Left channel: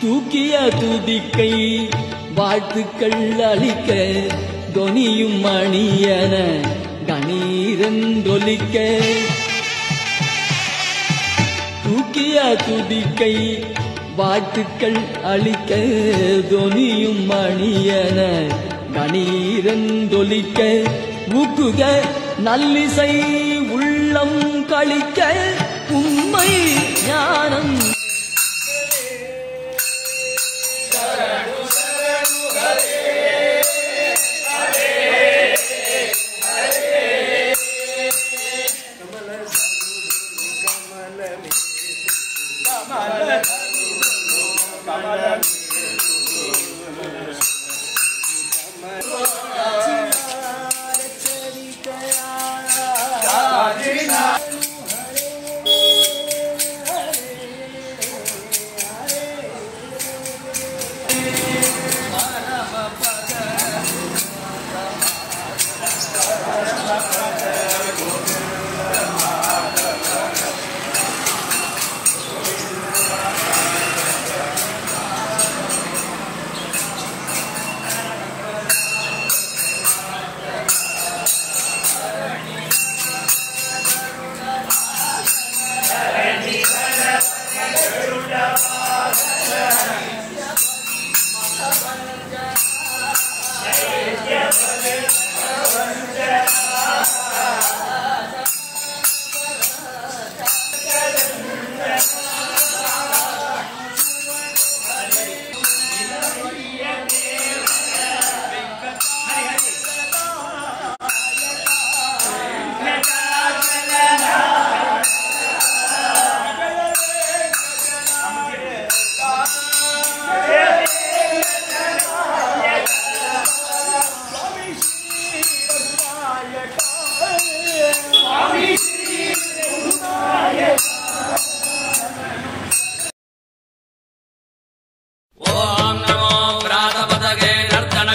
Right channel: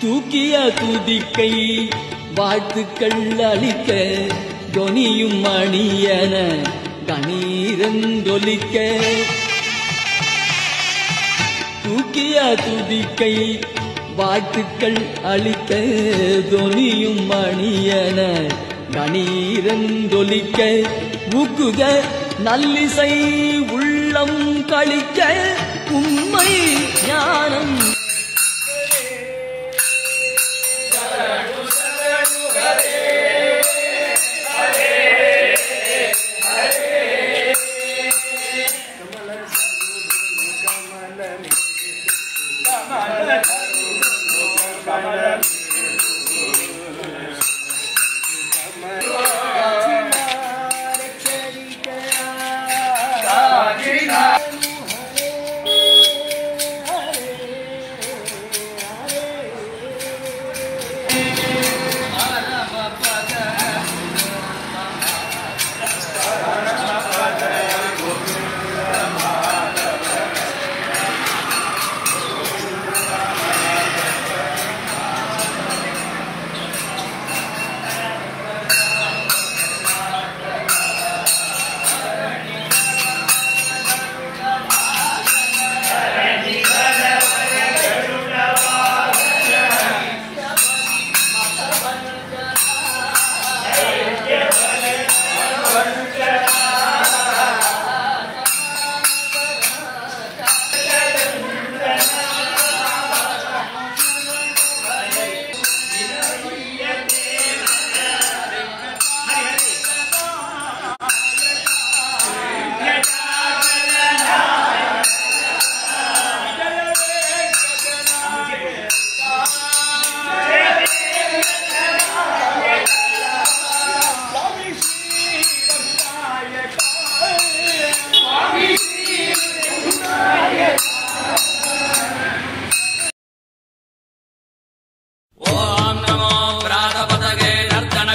தூக்கிய துதிக்கை வாழ்த்துக்கள் அளிக்க தொனியும் மணியன கணீரந்தொலிக்க தூக்கிய துதிக்கை வாழ்த்துக்கள் அளிக்க தொனியும் மணியன கணீரந்தொலிக்க ஊக்குக நல்லிசை உள்ளம் களிக்க உண்மை ஞானம்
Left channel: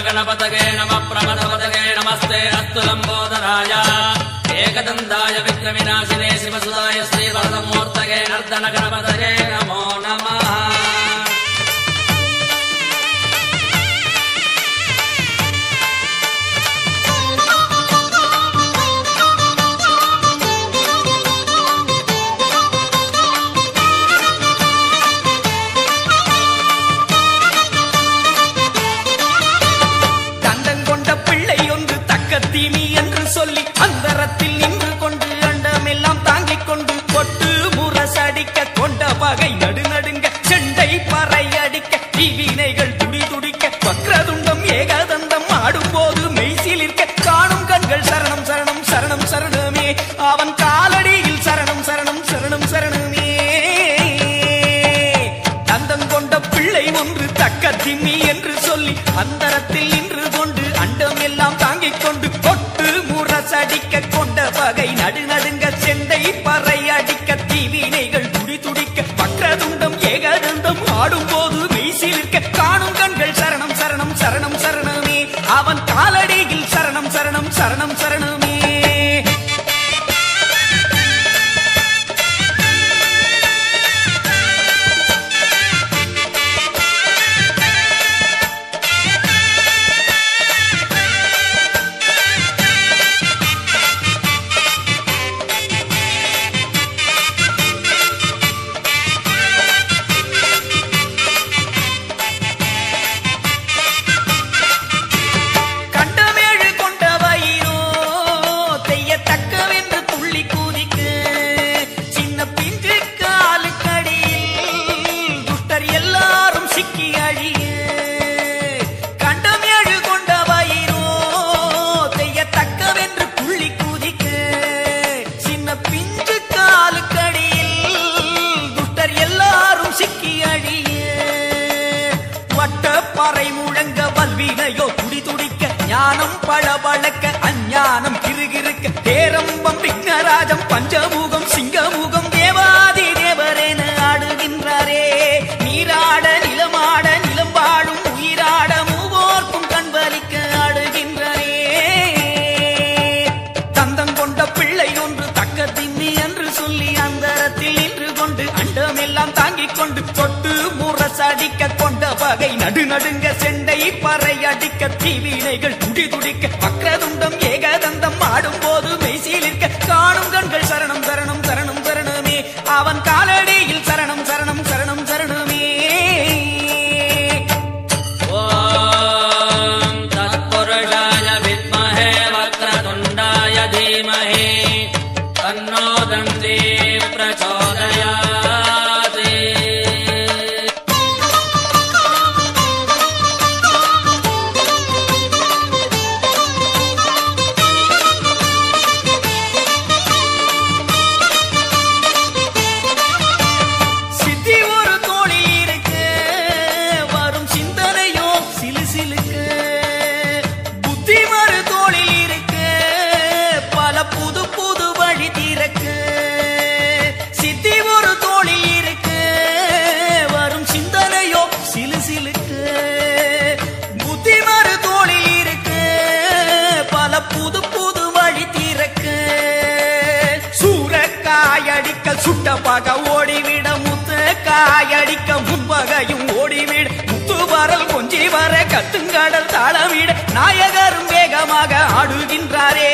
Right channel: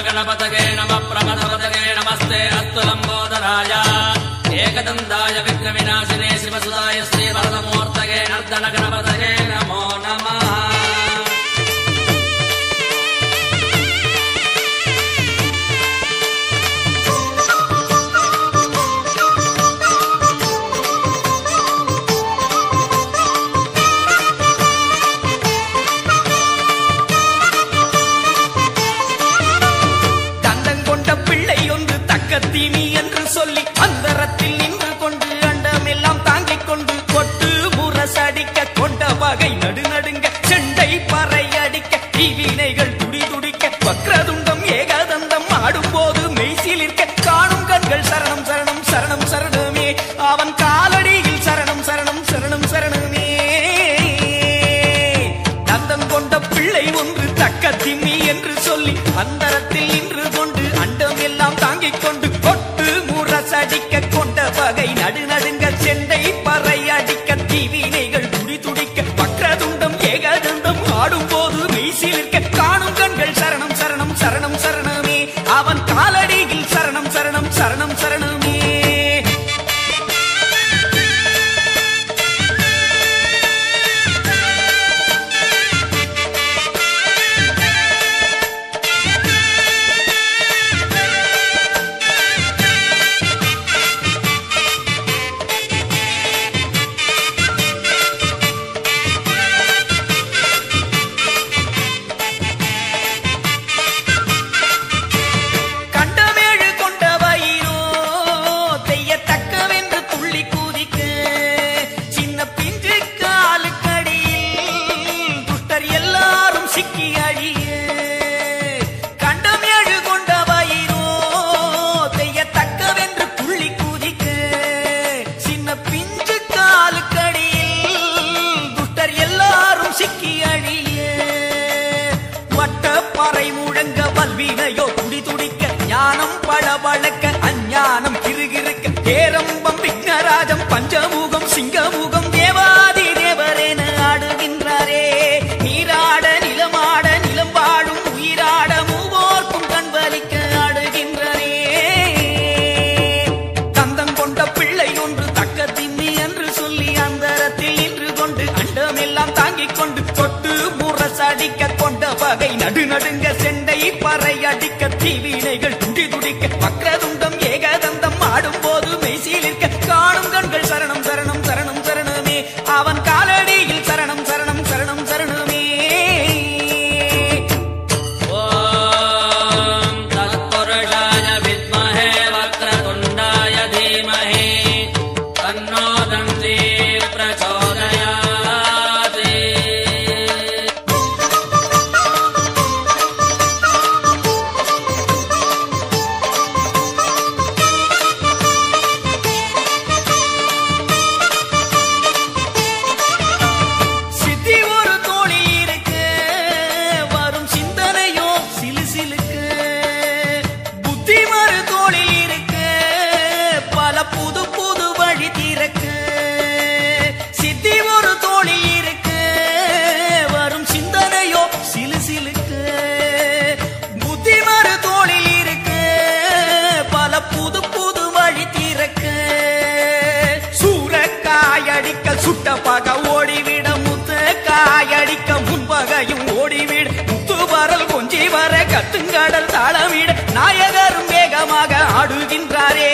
गणपतये नमः प्रमथपतये नमस्ते अस्तु लंबोदराय एकदन्ताय विघ्नविनाशिने शिवसुताय श्रीवरदमूर्तये नर्तन गणपतये नमो नमः। தீமி என்று சொல்லி அந்தரத்தில் நின்று கொண்டு அண்டமெல்லாம் தாங்கிக் கொண்டு கொட்டு முரசடிக்க கொண்ட வகை நடுநடுங்க செண்டை பறை அடிக்க தீவினைகள் துடி துடிக்க வக்ரதுண்டம் ஏகதந்தம் ஆடும்போது மெய்சிலிருக்க காணும் கண்கள் சரணம் சரணம் சரணம் சரணமே அவன் காலடியில் சரணம் சரணம் சரணம் சரணமே. தந்தம் கொண்ட பிள்ளை ஒன்று தக்க திம்மி என்று சொல்லி அந்தரத்தில் நின்று கொண்டு அண்டம் எல்லாம் தாங்கிக் கொண்டு கொட்டு முரசடிக்க கொண்ட வகை நடுநடுங்க செண்டை பறை அடிக்க தீவினைகள் துடி துடிக்க வக்ரதுண்டம் ஏகதந்தம் ஆடும்போது மெய்சிலிருக்க காணும் கண்கள் சரணம் சரணம் சரணம் சரணமே அவன் காலடியில் சரணம் சரணம் சரணம் சரணமே. வல்வினையோ துடி துடிக்க ஞானம் பளபளக்க அஞ்ஞானம் கிறுகிறுக்க பேரம்பம் விக்னராஜம் பஞ்சமுகம் சிங்கமுகம் தேவாதி தேவரேன ஆடுகின்றாரே. நீராட நிலமாட நிலம் வாழும் உயிராட மூவோர்க்கும் கண்பலிக்க ஆடுகின்றாரே. தந்தம் கொண்ட பிள்ளை ஒன்று தக்க திம்மி என்று சொல்லி அந்தரத்தில் நின்று கொண்டு அண்டமெல்லாம் தாங்கிக் கொண்டு தொட்டு முரசடிக்க பகை நடுநடுங்க செண்டை பறை அடிக்க தீவினைகள் துடி துடிக்க வக்ரதுண்டம் ஏகதந்தம் ஆடும்போது மெய்சீலிருக்க காணும் கண்கள் சரணம் சரணம் சரணம் சரணமே அவன் காலடியில் சரணம் சரணம் சரணம் சரணமே. ஓம் தத்புருஷாய வித்மஹே வக்ரதுண்டாய தீமஹி தன்னோ தந்தி பிரச்சோதயாத். சித்தி ஒரு தோளில் இருக்கு வரும் சிந்தனையோ சிலு சிலுக்கு புத்தி மறு தோளில் இருக்கு பல புது புது வழி திறக்கு. சித்தி ஒரு தோளில் இருக்கு வரும் சிந்தனையோ சிலு சிலுக்கு புத்தி மறு தோளில் இருக்கு பல புது புது வழி திறக்கு. சூரக்காயடிக்க சுட்ட பக ஓடிவிட முத்து காயடிக்க முன்பகையும் ஓடிவிட முத்து வரல் கொஞ்சி வர கத்துங்கடல் தாளமிட நாயகரும் வேகமாக ஆடுகின்றாரே.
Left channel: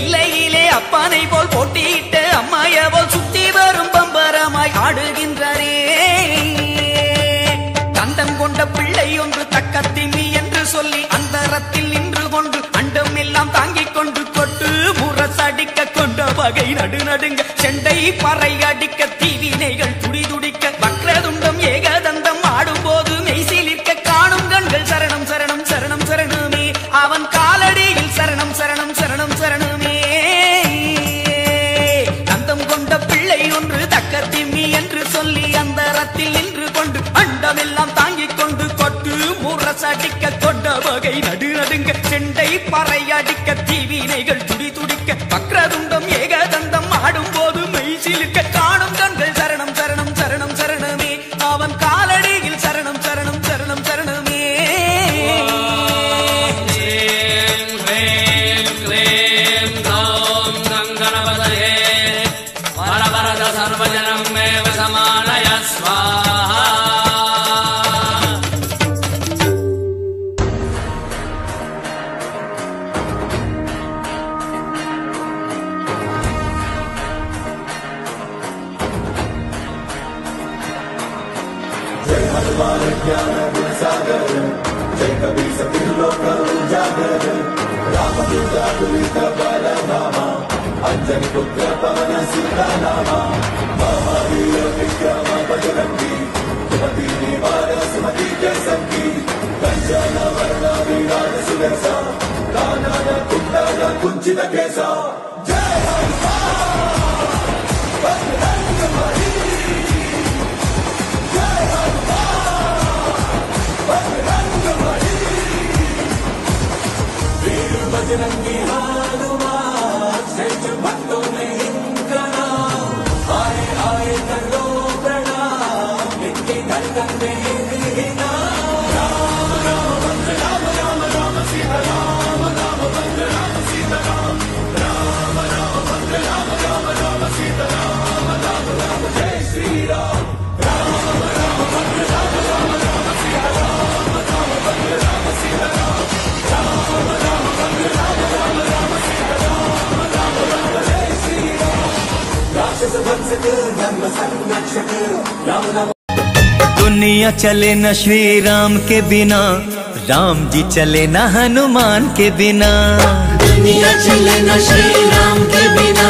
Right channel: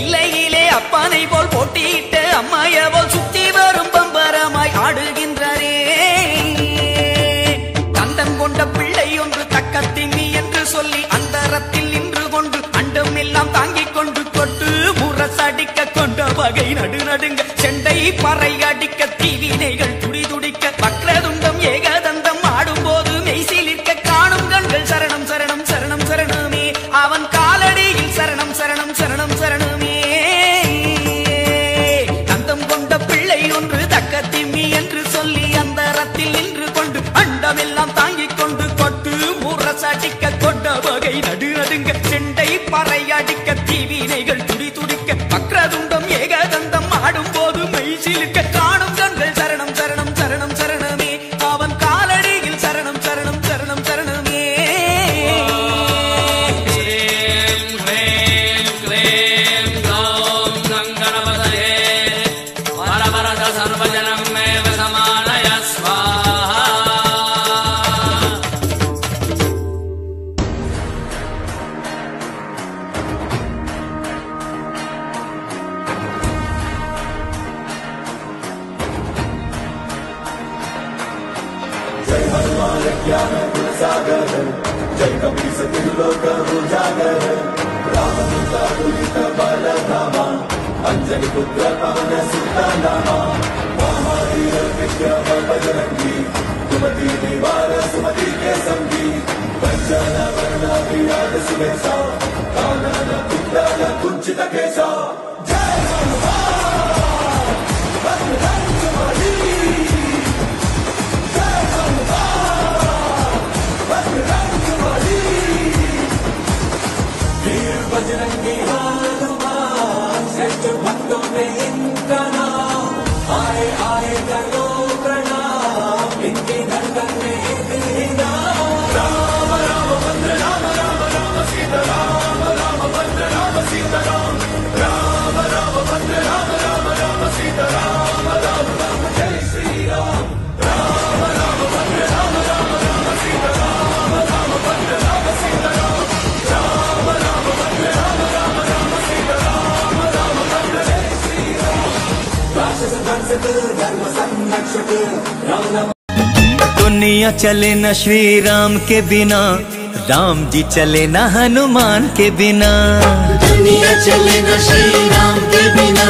இல்லையிலே அப்பனை போல் போட்டியிட்டு அம்மாய போல் சுத்தி வரும் பம்பரமாய் ஆடுகின்றாரே. தந்தம் கொண்ட பிள்ளை ஒன்று தக்க திம்மி என்று சொல்லி அந்தரத்தில் நின்று கொண்டு அண்டம் எல்லாம் தாங்கிக் கொண்டு கொட்டு முரசடிக்க கொண்ட வகை நடுநடுங்க செண்டை பறை அடிக்க தீவினைகள் துடி துடிக்க வக்ரதுண்டம் ஏகதந்தம் ஆடும்போது மெய்சிலிருக்க காணும் கண்கள் சரணம் சரணம் சரணம் சரணமே அவன் காலடியில் சரணம் சரணம் சரணம் சரணமே. தந்தம் கொண்ட பிள்ளை ஒன்று தக்க திம்மி என்று சொல்லி அந்தரத்தில் நின்று கொண்டு அண்டமெல்லாம் தாங்கிக் கொண்டு கொட்டு முரசடிக்க கொண்ட வகை நடுநடுங்க செண்டை பறை அடிக்க தீவினைகள் துடி துடிக்க வக்ரதுண்டம் ஏகதந்தம் ஆடும்போது மெய்சிலிருக்க காணும் கண்கள் சரணம் சரணம் சரணம் சரணமே அவன் காலடியில் சரணம் சரணம் சரணம் சரணமே. ஸ்ரீம் ஹ்ரீம் க்ளீம் க்ளௌம் கங்கணபதயே வரவரத சர்வஜனம் மேவ சமானய ஸ்வாஹா. दुनिया चले न श्री राम के बिना, राम जी चले न हनुमान के बिना। दुनिया चले न श्री राम के बिना,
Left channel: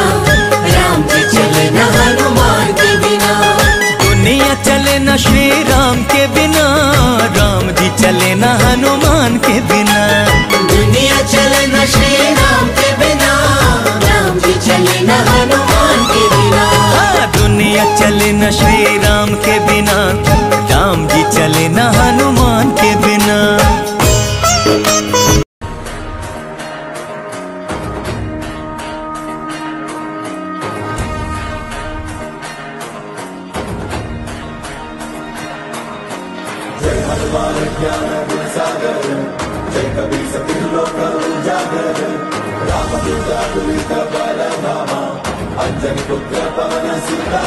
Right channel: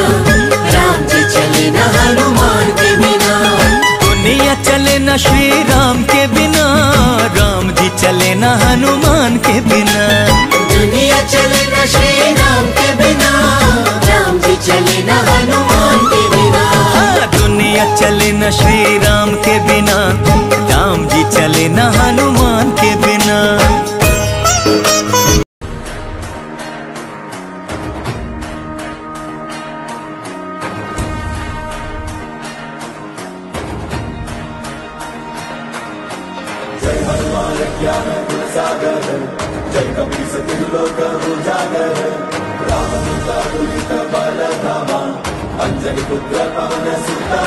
राम जी चले न हनुमान के बिना। दुनिया चले न श्री राम के बिना, राम जी चले न हनुमान के बिना। दुनिया चले न श्री राम के बिना, राम जी चले न हनुमान के बिना। दुनिया चले न श्री राम के बिना, राम जी चले न हनुमान के बिना। अंजन पुत्र पवन सीता